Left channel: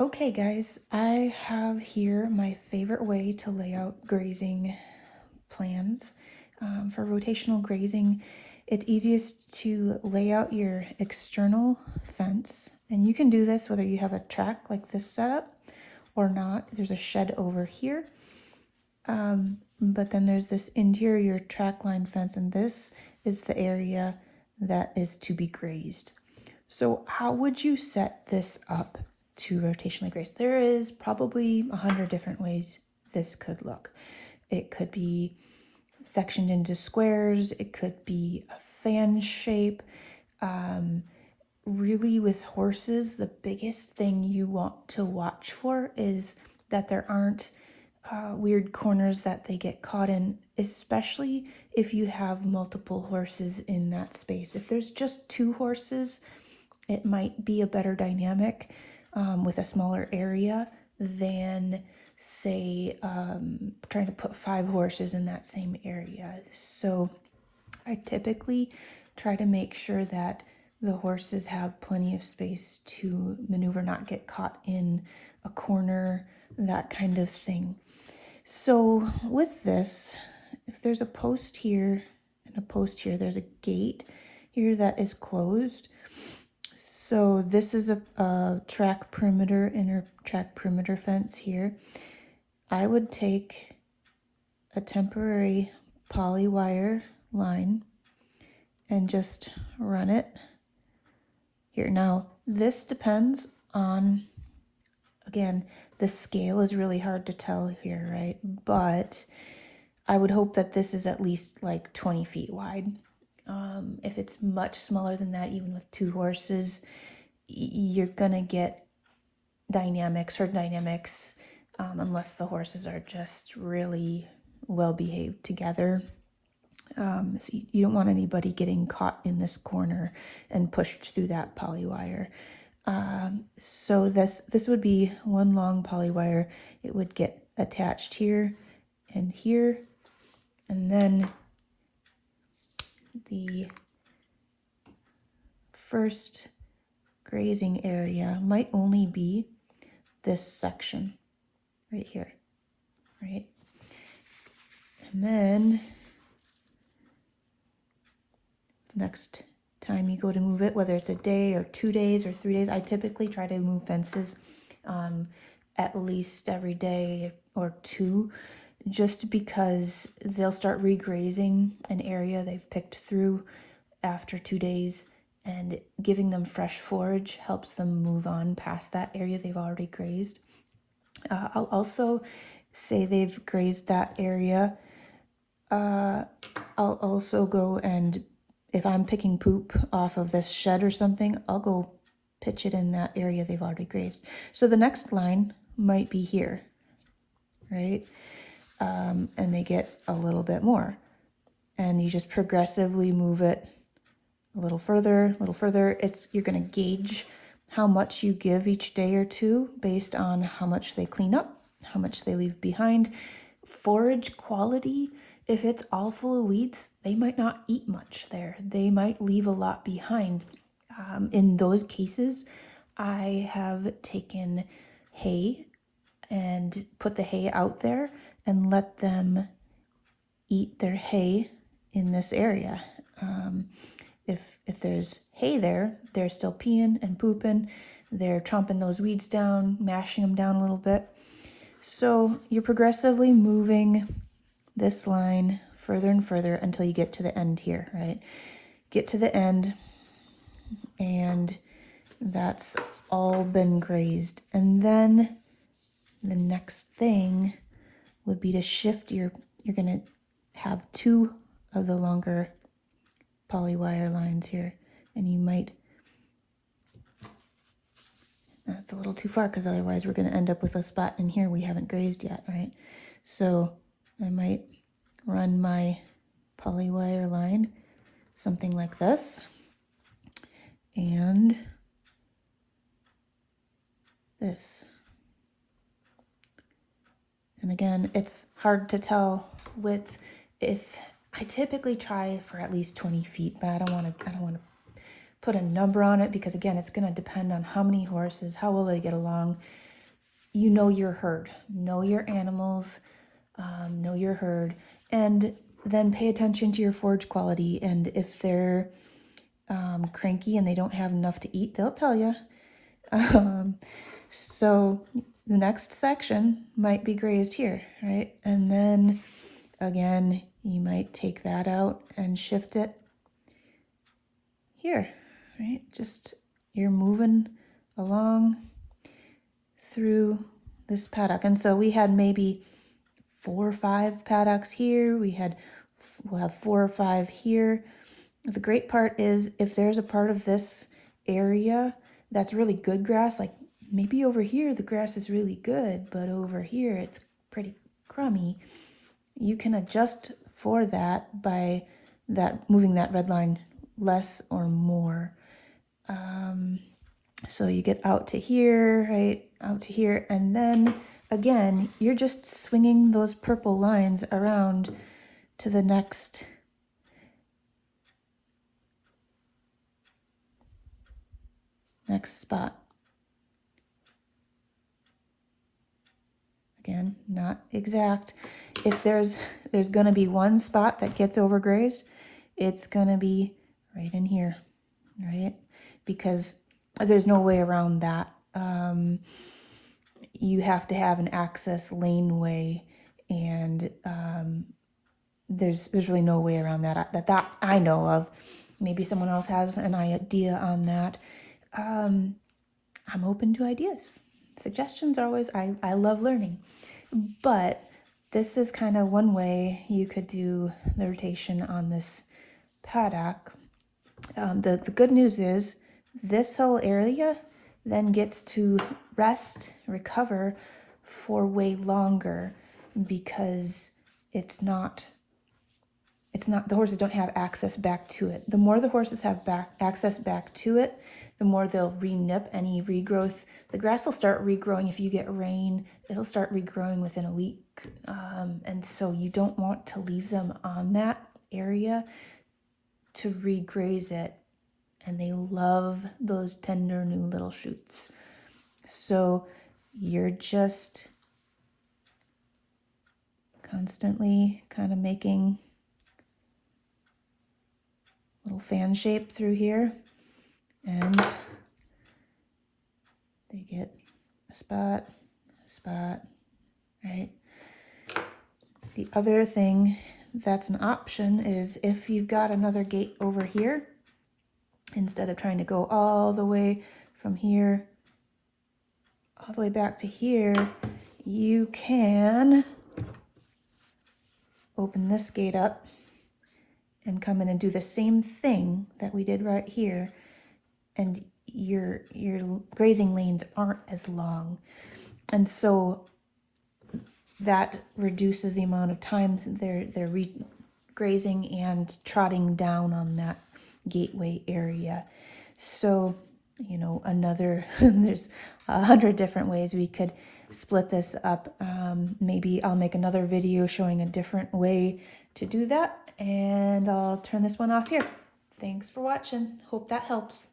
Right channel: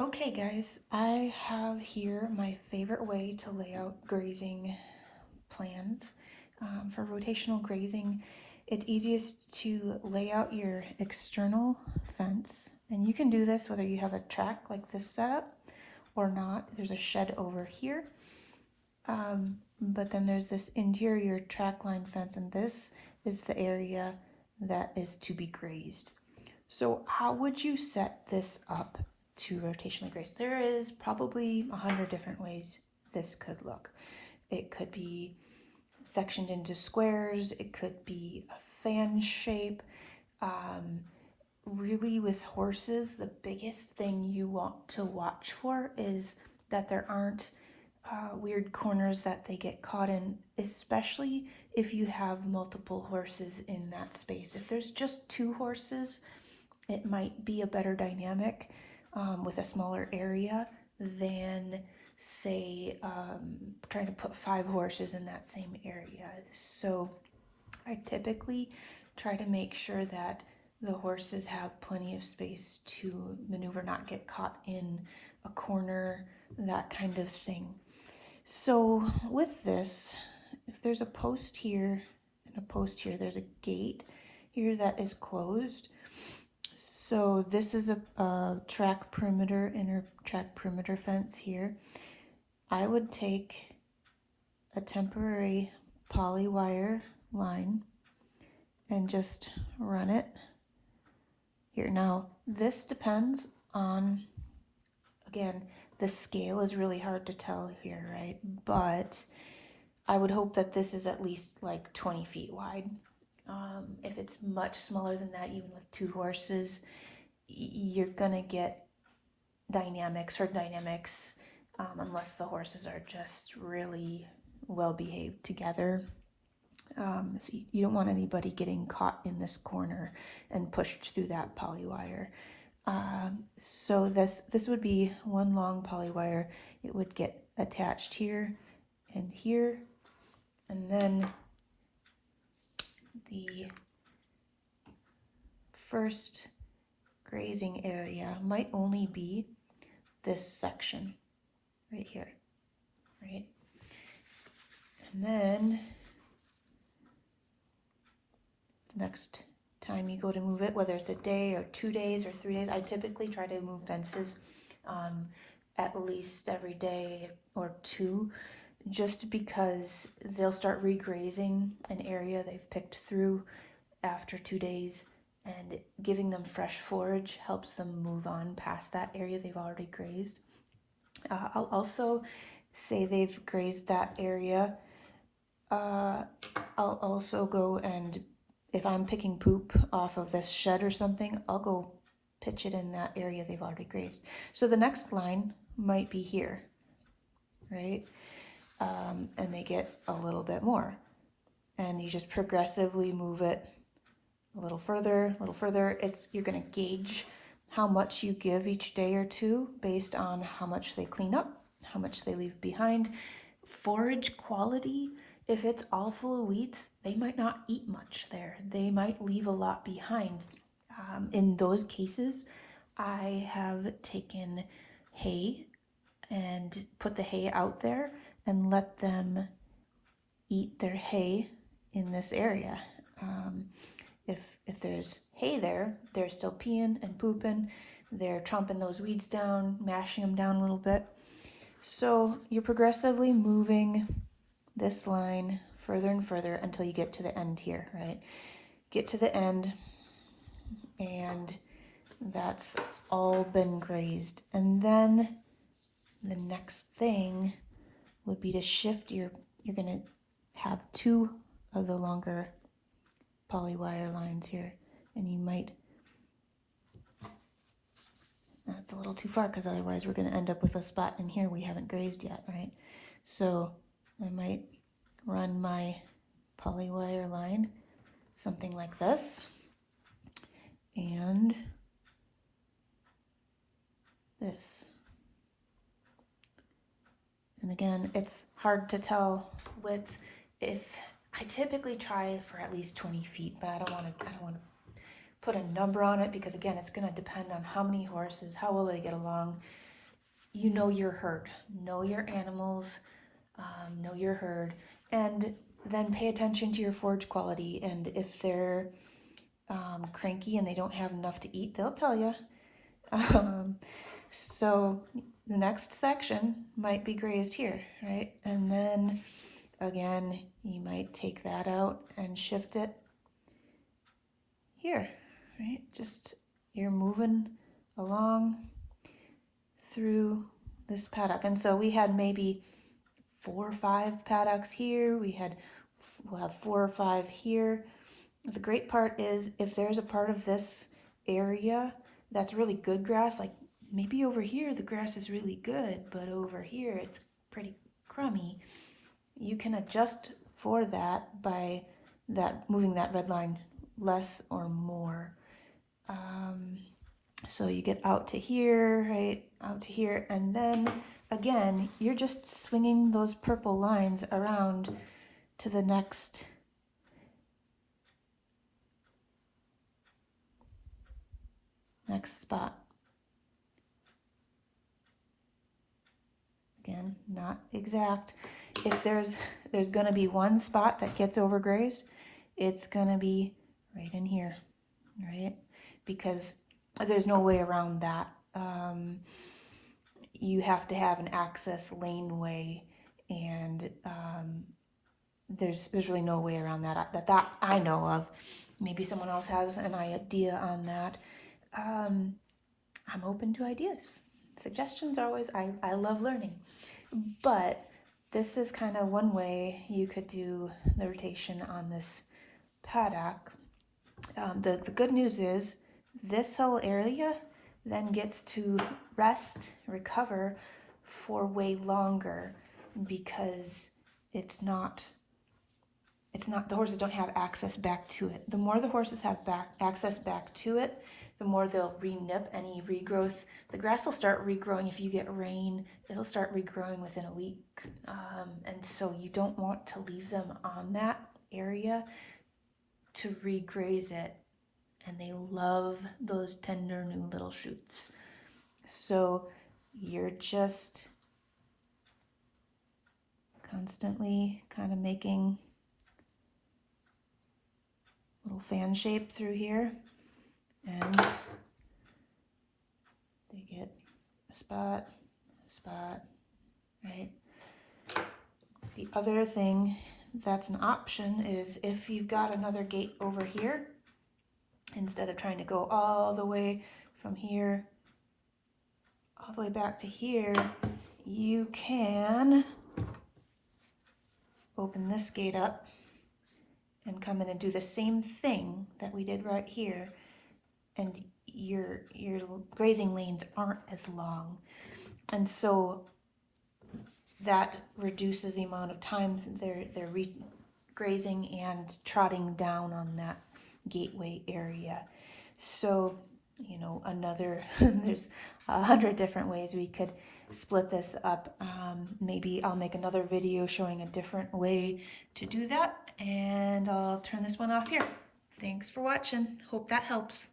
Okay guys, I have here my favorite way to lay out grazing plans. For rotational grazing, it's easiest to lay out your external fence, and you can do this whether you have a track like this setup or not. There's a shed over here, but then there's this interior track line fence, and this is the area that is to be grazed. So how would you set this up to rotationally graze? There is probably 100 different ways this could look. It could be sectioned into squares. It could be a fan shape. Really, with horses, the biggest thing you want to watch for is that there aren't weird corners that they get caught in, especially if you have multiple horses in that space. If there's just two horses, it might be a better dynamic with a smaller area than, say, trying to put 5 horses in that same area. So I typically try to make sure that the horses have plenty of space to maneuver, not get caught in a corner, that kind of thing. So with this, if there's a post here and a post here, there's a gate here that is closed. So this is a track perimeter, inner track perimeter fence here. I would take a temporary poly wire line and just run it here. Now this depends on, again, the scale is really hard to tell here, right? But I would hope that this is at least like 20 feet wide. If it's much smaller than that, even with 2 horses, you're gonna get herd dynamics, unless the horses are just really well behaved together. So you don't want anybody getting caught in this corner and pushed through that poly wire. So this would be one long poly wire. It would get attached here and here, and then the first grazing area might only be this section right here, right? And then the next time you go to move it, whether it's a day or 2 days or 3 days, I typically try to move fences at least every day or 2, just because they'll start regrazing an area they've picked through after 2 days, and giving them fresh forage helps them move on past that area they've already grazed. I'll also say they've grazed that area. I'll also go and, if I'm picking poop off of this shed or something, I'll go pitch it in that area they've already grazed. So the next line might be here, right? And they get a little bit more. And you just progressively move it a little further, a little further. You're gonna gauge how much you give each day or 2 based on how much they clean up, how much they leave behind. Forage quality, if it's all full of weeds, they might not eat much there. They might leave a lot behind. In those cases, I have taken hay and put the hay out there and let them eat their hay in this area. If there's hay there, they're still peeing and pooping. They're chomping those weeds down, mashing them down a little bit. So you're progressively moving this line further and further until you get to the end here, right? Get to the end, and that's all been grazed. And then the next thing would be to shift you're gonna have 2 of the longer poly wire lines here, and you might, that's a little too far because otherwise we're going to end up with a spot in here we haven't grazed yet, right? So I might run my poly wire line something like this, and this. And again, it's hard to tell with, if I typically try for at least 20 feet, but I don't want to put a number on it, because again, it's going to depend on how many horses, how will they get along. you know your herd, know your animals, know your herd, and then pay attention to your forage quality. And if they're cranky and they don't have enough to eat, they'll tell you. So the next section might be grazed here, right? And then again, you might take that out and shift it here, right? Just you're moving along through this paddock. And so we had maybe 4 or 5 paddocks here. We'll have 4 or 5 here. The great part is if there's a part of this area that's really good grass, like maybe over here the grass is really good, but over here it's pretty crummy, you can adjust for that by moving that red line less or more. So you get out to here, right? Out to here, and then again, you're just swinging those purple lines around to the next spot. Again, not exact. If there's going to be one spot that gets overgrazed, it's going to be right in here, right? Because there's no way around that. You have to have an access laneway, and there's really no way around that I know of. Maybe someone else has an idea on that. I'm open to ideas. Suggestions are always, I love learning. But this is kind of one way you could do the rotation on this paddock. The good news is this whole area then gets to rest, recover for way longer, because it's not the horses don't have access back to it. The more the horses have access back to it, the more they'll re-nip any regrowth. The grass will start regrowing if you get rain. It'll start regrowing within a week. And so you don't want to leave them on that area to regraze it. And they love those tender new little shoots. So you're just constantly kind of making little fan shape through here, and they get a spot, right? The other thing that's an option is if you've got another gate over here, instead of trying to go all the way from here all the way back to here, you can open this gate up and come in and do the same thing that we did right here, and your grazing lanes aren't as long, and so that reduces the amount of times they're grazing and trotting down on that gateway area. So another there's 100 different ways we could split this up. Maybe I'll make another video showing a different way to do that, and I'll turn this one off here. Thanks for watching. Hope that helps.